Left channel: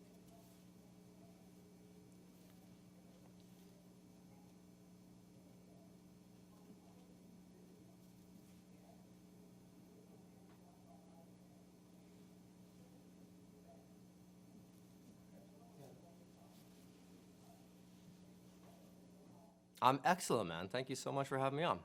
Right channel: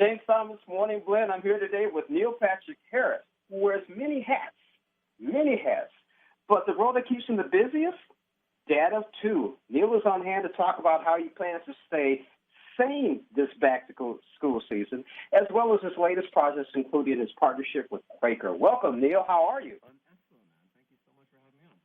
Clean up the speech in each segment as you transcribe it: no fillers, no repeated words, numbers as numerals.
James Thomas, Morning Blend. I'm here today with Neil Patrick Harris, who wears many hats, many hats. But the role that keeps him the busiest, dad of two. Neil is on hand to talk about how he plans to stay sane this back-to-school season, as well as his latest projects, including his partnership with Quaker. Welcome, Neil. How are you? I'm excellent, man. Thank you so much for having me on.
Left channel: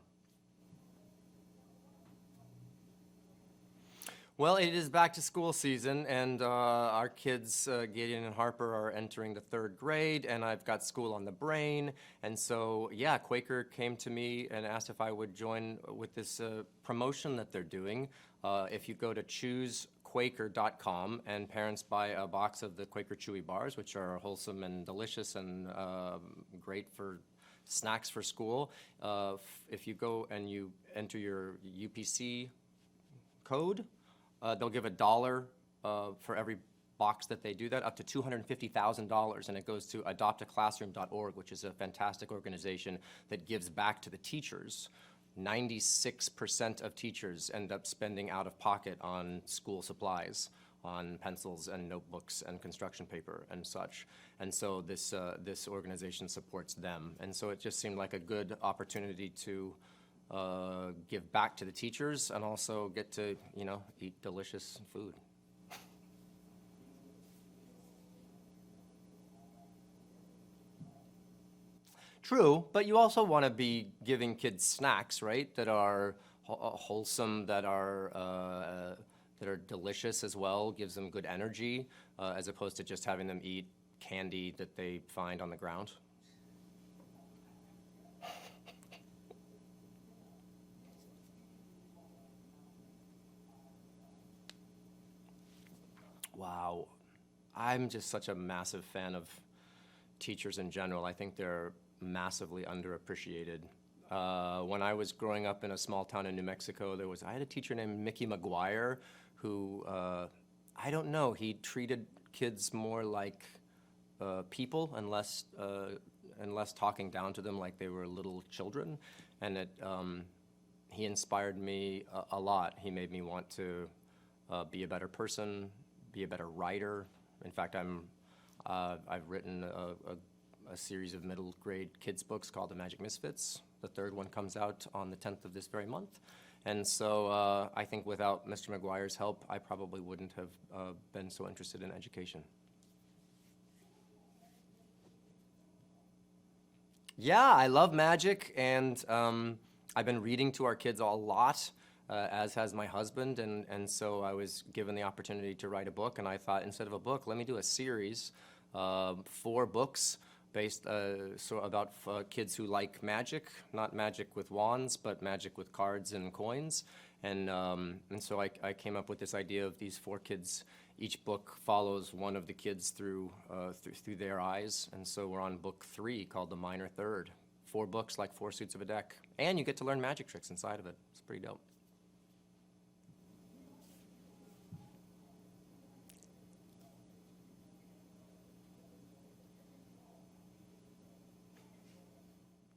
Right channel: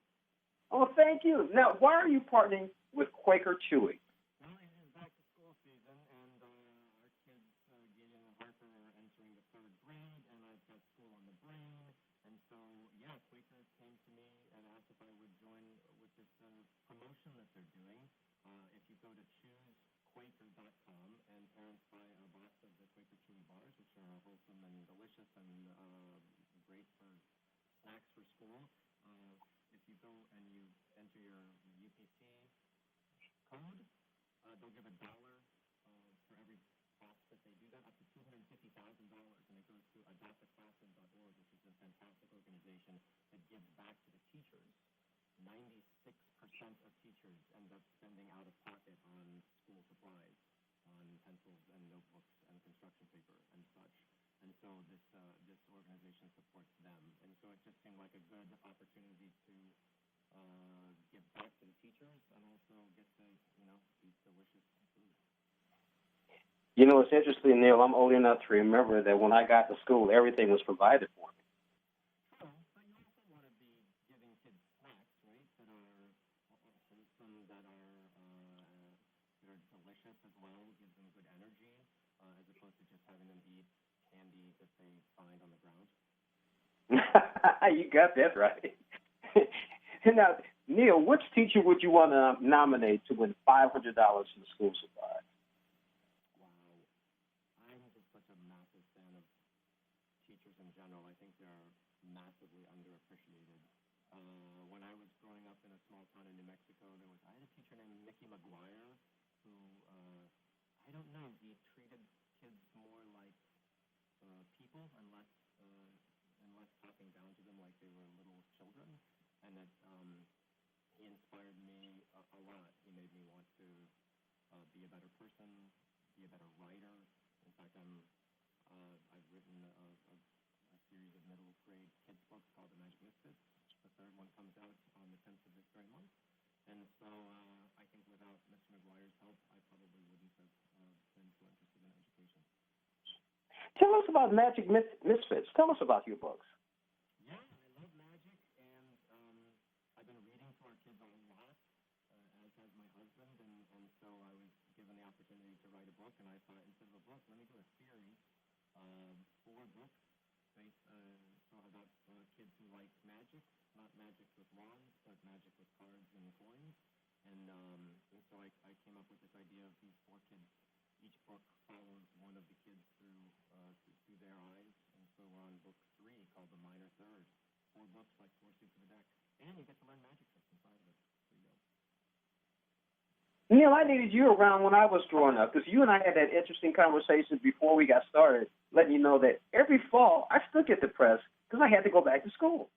Oh, thank you. Now, why are you partnering with Quaker Chewy? Well, it is back to school season, and our kids, Gideon and Harper, are entering the third grade, and I've got school on the brain. And so, yeah, Quaker came to me and asked if I would join with this promotion that they're doing. If you go to choosequaker.com and parents buy a box of the Quaker Chewy bars, which are wholesome and delicious and great for snacks for school, if you go and you enter your UPC code, they'll give $1 for every box that they do that, up to $250,000, and it goes to adoptaclassroom.org, which is a fantastic organization that gives back to the teachers. 96% of teachers end up spending out of pocket on school supplies, on pencils and notebooks and construction paper and such. And so this organization supports them. And so it just seemed like a good opportunity to give back to the teachers and also get to, eat delicious food. You know, it's interesting, Neil. I'm old enough to remember that when I got to school, everything was provided for me. True, but you also want to be giving kids snacks, right, that are wholesome, that are delicious as well, gives them good energy, as opposed to just having them eat candy that they find on the ground. You got that right. Now, Neil, which teacher would you want to nominate to win $500 in the school supply? Wow. I'm just such a massive fan of teachers in general. I think they're massively underappreciated. When I was growing up in a small town in New Mexico, I had a teacher named Mickey McGuire who, I don't know, he treated kids more like people and less talking down to them like they were little children. And he inspired me a lot. He made me want to be a better person, be a better writer. In fact, I've written a series of middle grade kids books called The Magic Misfits. The third one comes out on the 10th of this very month. And so I think without Mr. McGuire's help, I probably wouldn't have been so interested in education. Tell us about Magic Misfits. Tell us about your books. Yeah, I love magic, and I've been reading to our kids a lot, as has my husband, and so I was given the opportunity to write a book, and I thought, instead of a book, let me do a series, 4 books based about kids who like magic, not magic with wands, but magic with cards and coins, and so I came up with this idea of these 4 kids. Each book follows one of the kids through their eyes, and so we're on book 3 called The Minor Third. 4 books, like 4 suits of a deck, and you get to learn magic tricks inside of it. It's pretty dope. Neil, I needed you around when I was growing up, because you and I had that interesting conversation before we got started, letting you know that every fall I still get depressed because I had to go back to school.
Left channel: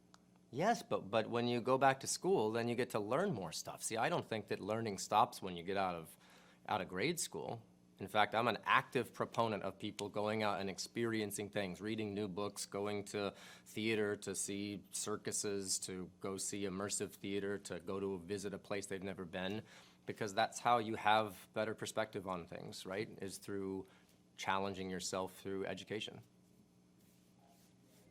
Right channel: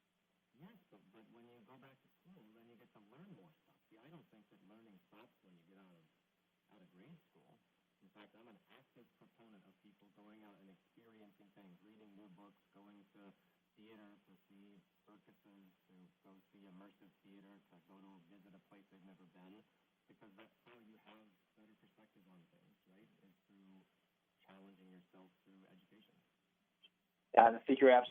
Yes, but when you go back to school, then you get to learn more stuff. See, I don't think that learning stops when you get out of grade school. In fact, I'm an active proponent of people going out and experiencing things, reading new books, going to theater to see circuses, to go see immersive theater, to go to visit a place they've never been, because that's how you have better perspective on things, right? Is through challenging yourself through education. I think you're absolutely